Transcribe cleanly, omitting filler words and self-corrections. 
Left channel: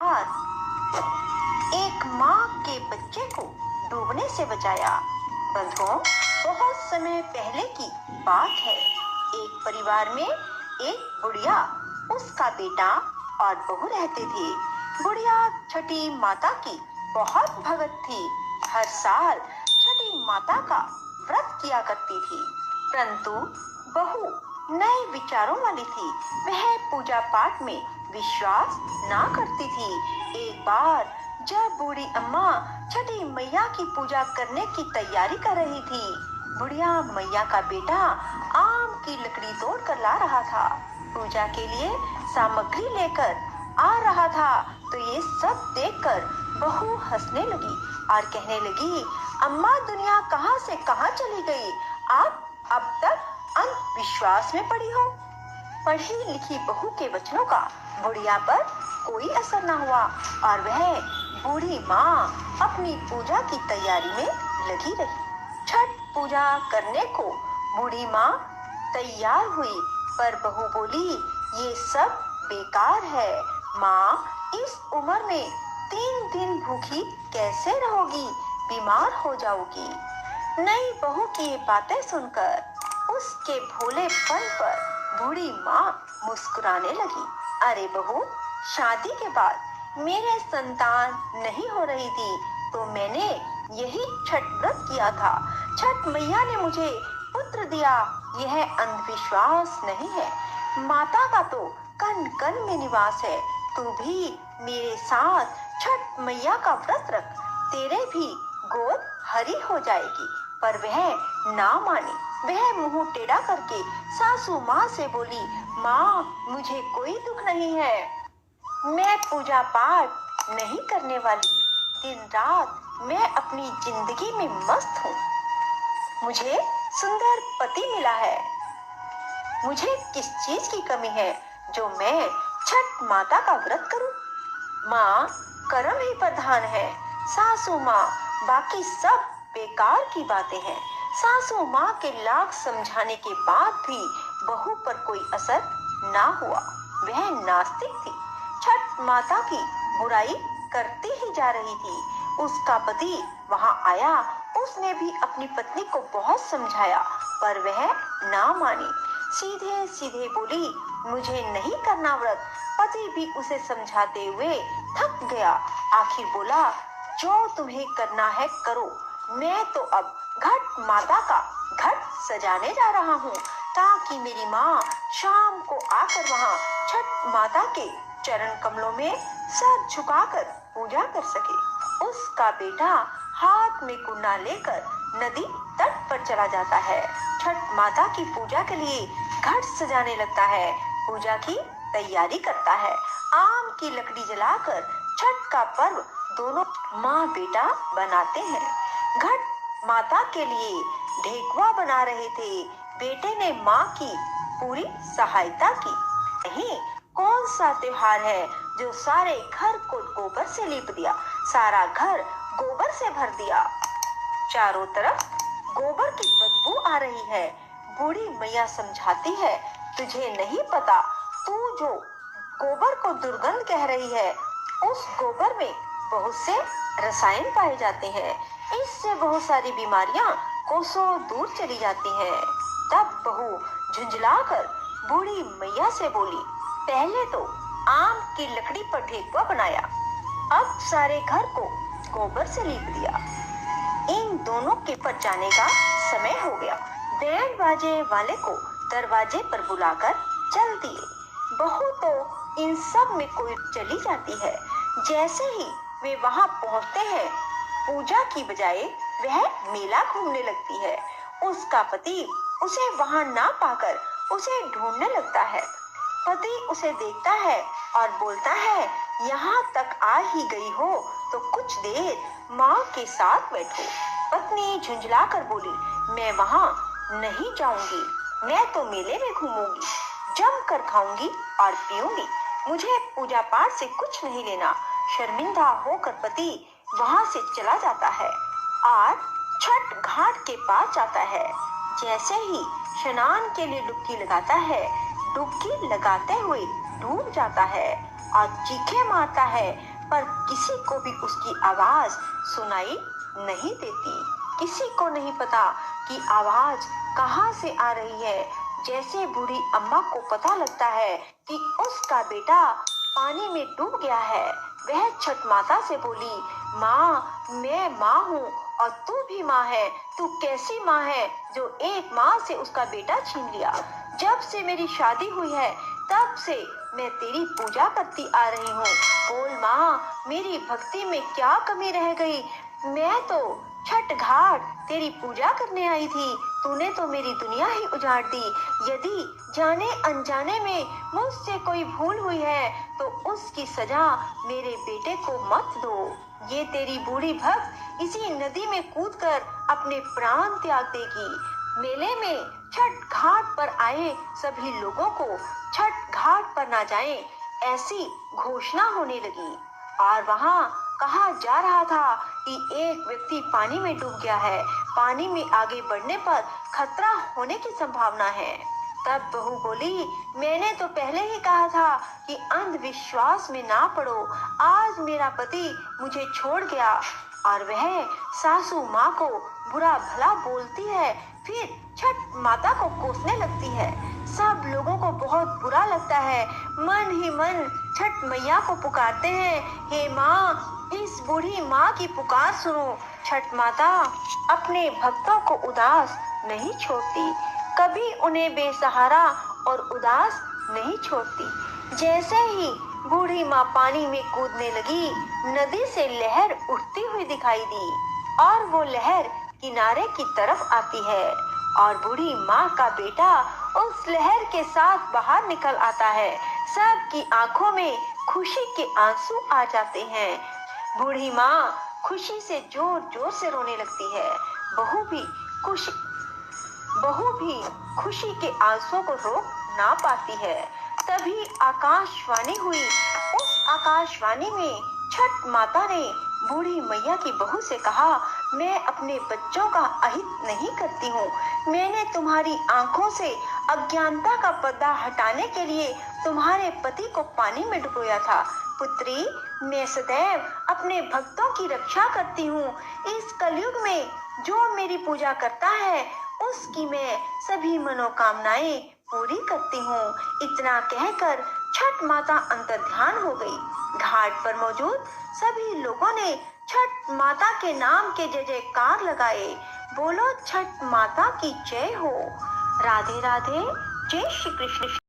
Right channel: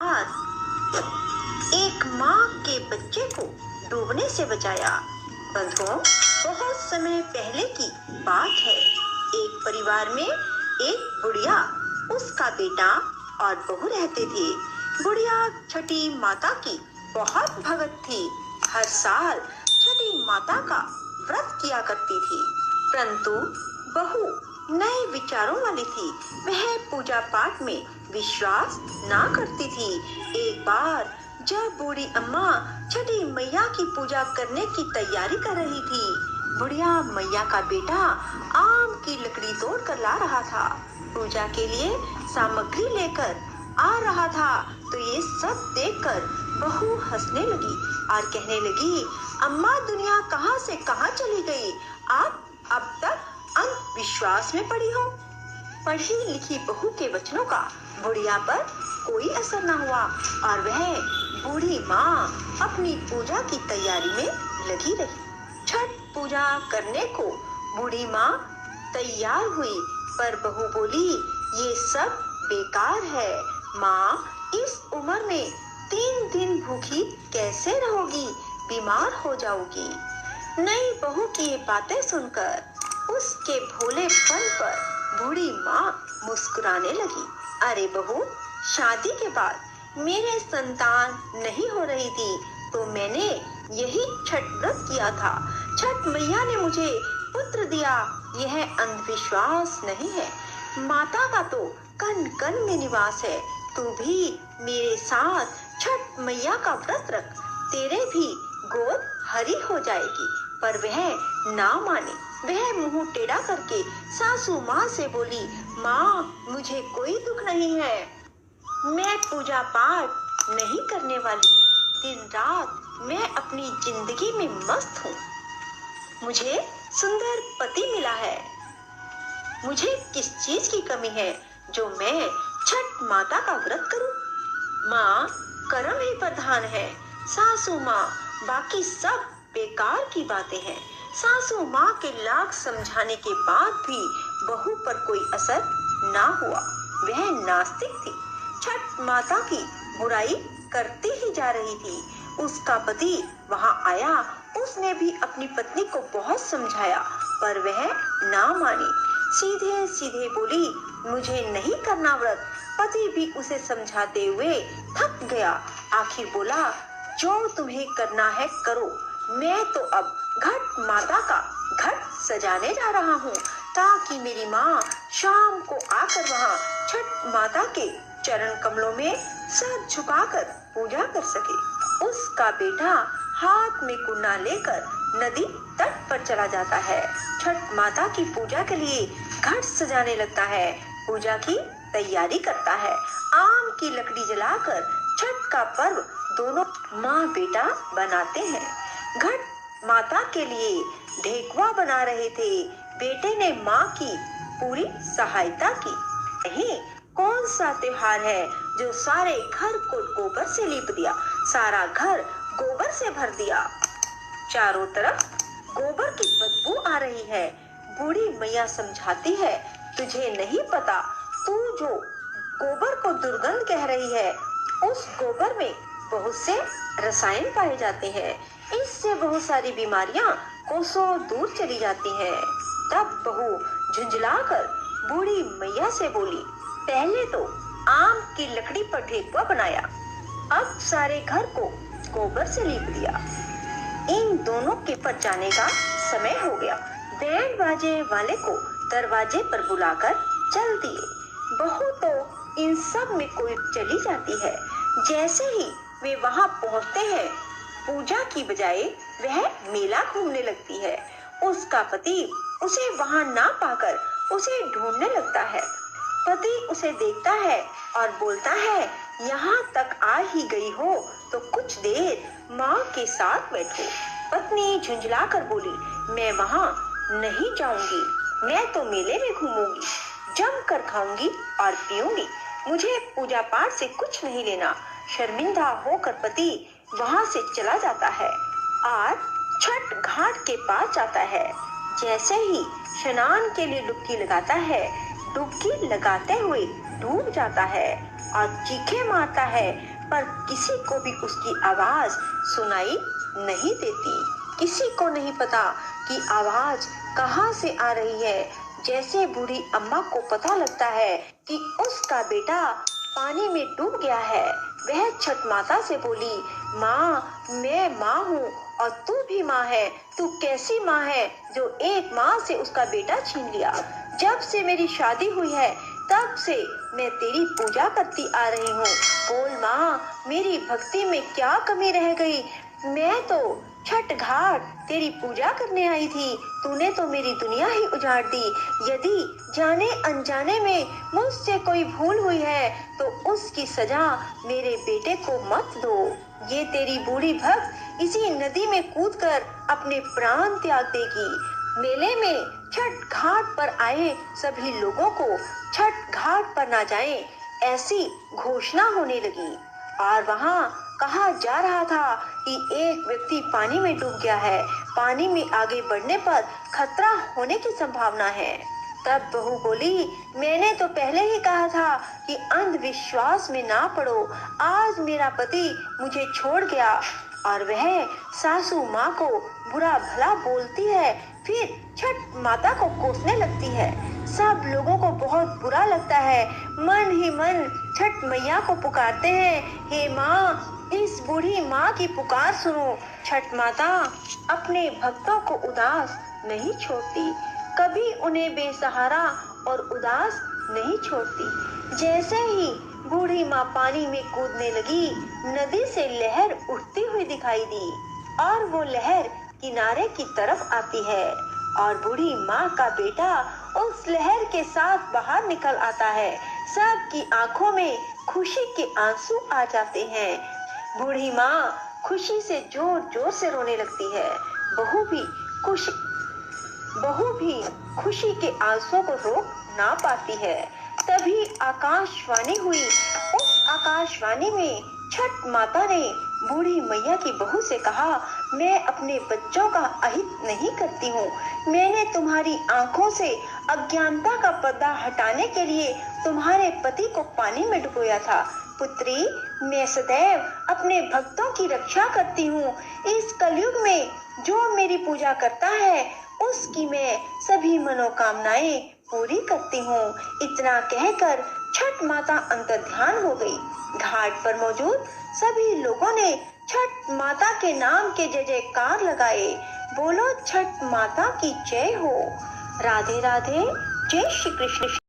एक माँ के बच्चे को डूबने से बचाया। बंधुओं, बहुत समय पहले की बात है। एक परिवार में एक बुढ़िया, उसका बेटा और बहू रहते थे। बुढ़िया छठी माता की बहुत भगत थी। हर साल छठी माता का व्रत किया करती थी। परंतु बहू नए विचारों वाली थी। वह पूजा पाठ में विश्वास ना करती थी। एक बार जब बूढ़ी अम्मा छठी मैया की पूजा करने की तैयारी कर रही थी, बुढ़िया मैया का बेटा आम की लकड़ी तोड़ कर ला रहा था। पूजा के लिए सामग्री लेकर आ रहा था तो ये सब देखकर बहू हंसने लगी और कहने लगी, अम्मा दुनिया कहाँ से कहाँ चली गई, आप अब तक अंधविश्वास में पड़ी हो। पढ़ी लिखी बहू के वचनों का बुढ़िया पर कोई असर न हुआ और वह बूढ़ी माँ अपनी पूजा की तैयारी में लगी रही। छठ पूजा करने को बूढ़ी माँ तैयार हुई, पर बहू बोली, ये सब बेकार है। माँ इस उम्र में 3 दिन भूखी कैसे रहोगी, बीमार हो जाओगी। नई बहू की ये बातें सुनकर उसके भोलेपन पर बूढ़ी माँ मुस्कुराने लगी। अरे बहू, शादी के बाद मेरे संतान नहीं हो रही थी तो मैंने यही छठ व्रत किया था। छठ मैया ने मुझे पुत्र दिया, यह अंधविश्वास नहीं है। माता का तो कण कण में निवास है। तू भी मेरे साथ छठ मैया का व्रत रख, तेरे भी गोद हरी हो जाएगी। पर वह ना मानी। वह मुंह टेढ़ा करके सासू माँ से बोली, माँ मुझे कोई दुख नहीं है, मैं पूजा पाठ नहीं करने वाली। दिन रात मैं अपनी जिंदगी में मस्त हूँ। मुझे सुंदर पति मिला है। मुझे किस चीज की कमी है जो मैं छठ माता का व्रत करूं? माँ कर्म ही प्रधान है। सासू माँ, बाकी सब बेकार की बातें हैं। सासू माँ के लाख समझाने के बाद भी बहू पर कोई असर ना हुआ। वह नास्तिक थी। छठ माता की बुराई करती ही जा रही थी। उसका पति वहां आया। उसने भी अपनी पत्नी को बहुत समझाया पर वह ना मानी। सीधे सीधे बोली, मुझे नहीं करना व्रत। पति भी उसे समझाते हुए थक गया। आखिर बोला, जो तुम्हें करना है करो। मैं तो अब घट माता का घट सजाने जा रहा हूँ ताकि मेरी माँ शाम को आकर वहाँ छठ माता के चरण कमलों में सर झुकाकर पूजा कर सके। उसका बेटा हाथ में कुंडा लेकर नदी तट पर चला जाता है। छठ माता की पूजा के लिए घट सजाने लगता है। पूजा की तैयारी करता है। आम की लकड़ी जलाकर छठ का पर्व दोनों माँ बेटा बनाते हैं। घट माता के लिए ढेकुआ बना रहे थे। बेटे ने माँ की पूरी सहायता की। नहीं, कौन सा त्योहार है जो सारे घर को गोबर से लीप दिया, सारा घर गोबर से भर दिया। चारों तरफ गोबर की बदबू आ रही है। बूढ़ी मैया समझाती है, तुझे नहीं पता, तू जो गोबर को दुर्गंध कह रही है, उस गोबर में बहुत से रसायन पाए जाते हैं। इससे बहुत सारी बीमारियां कोसों दूर चली जाती हैं। तब बहू झुंझलाकर बूढ़ी मैया से बोली, पहले तो आम की लकड़ी पर ढेकुआ बनाया, अब सारे घर को गोबर से लीप दिया। इन दोनों के पर जाने का समय हो गया। बैंड बाजे वाले को दरवाजे पर बुलाकर चल दिए। बहू तो इन सब में कोई चली जाती है। जैसे ही वे वहां पहुंचते हैं, पूजा की बजाय वह मेला घूमने लगती है। उसका पति उसे वहां ना पाकर उसे ढूंढने लगता है। पति उसे देखता है और बोलता है, यहाँ तक आ ही गई हो तो कुछ देर माँ के साथ बैठो। पत्नी झुंझलाकर बोली, मैं वहाँ नहीं जाऊंगी, मैं तो मेले में घूमूंगी, जमकर खाऊंगी और पीऊंगी। मुझे पूजा पाठ से कुछ नहीं लेना। शर्मिंदा होकर पति वहाँ से चला जाता है और छठ घाट के पास जाता है। जैसे ही स्नान के लिए डुबकी लगाता है, डुबकी लगाते हुए डूब जाता है। और चीखें मारता है, पर किसी को भी उसकी आवाज सुनाई नहीं देती। किसी को नहीं पता कि आवाज कहाँ से आ रही है। जैसे बूढ़ी अम्मा को पता लगता है कि उसका बेटा पानी में डूब गया है, वह छठ माता से बोली, माँ, मैं माँ हूँ और तू भी माँ है। तू कैसी माँ है जो एक माँ से उसका बेटा छीन लिया? जब से मेरी शादी हुई है तब से मैं तेरी पूजा करती आ रही हूँ। बोल माँ, मेरी भक्ति में क्या कमी रह गई? मैं तो छठ घाट तेरी पूजा करने आई थी, तूने तो मेरी दुनिया ही उजाड़ दी। यदि जाने अनजाने में मुझसे कोई भूल हुई है तो उसकी सजा मेरे बेटे को मत दो। ये तेरी बूढ़ी भक्त इसी नदी में कूदकर अपने प्राण त्याग देगी। मेले में छठ घाट पर आए सभी लोगों को छठ घाट पर ना जाएं, ऐसी घोषणा होने लगी। और वहाँ कहा जा रहा था कि एक व्यक्ति पानी में डूब गया है, पानी में आगे बढ़ने पर खतरा होने की संभावना है। तब बहू बोली, मैंने तो पहले ही कहा था कि अंधविश्वास में ना पड़ो। आज मेरा पति मुझे छोड़ गया। और वह सासू माँ को बुरा भला बोलती है, फिर छठ माता को कोसने लगती है। सब लोगों को बहुत बुरा लगता है, मन ही मन छठ मैया को पुकारते हैं, हे माँ, इस बूढ़ी माँ की पुकार सुनो। छठ माता अपने भक्तों को उदास नहीं छोड़ती, कभी उन्हें बेसहारा और उदास नहीं छोड़ती। जैसे ही बूढ़ी माँ पानी में कूदने लगी, नदी से लहर उठती हुई दिखाई दी और वो लहर किनारे की तरफ आती है और बूढ़ी माँ का बेटा उस लहर के साथ बाहर निकल आता है। सबकी आंखों में खुशी के आंसू आ जाते हैं। बूढ़ी माँ खुशी से जोर जोर से रोने लगती है। बहू भी खुशी के आंसुओं को रोक ना पाती है। तभी आकाशवाणी हुई। उस आकाशवाणी में छठ माता ने बूढ़ी मैया की बहू से कहा, मैं अपने बच्चों का अहित नहीं करती हूँ। मैंने तुम्हारी आंखों से अज्ञानता का पर्दा हटाने के लिए तुम्हारे पति को पानी में डुबोया था। पुत्री, मैं सदैव अपने भक्तों की रक्षा करती हूँ। इस कलयुग में जो मेरी पूजा करता है उसकी मैं सभी मनोकामनाएं पूरी करती हूँ। इतना कहकर छठ माता अंतर्ध्यान हो गई। घाट पर मौजूद सभी लोगों ने छठ माता के नाम के जय जयकार लगाए। बोलो छठ माता की जय हो। राधे राधे। जय श्री कृष्ण।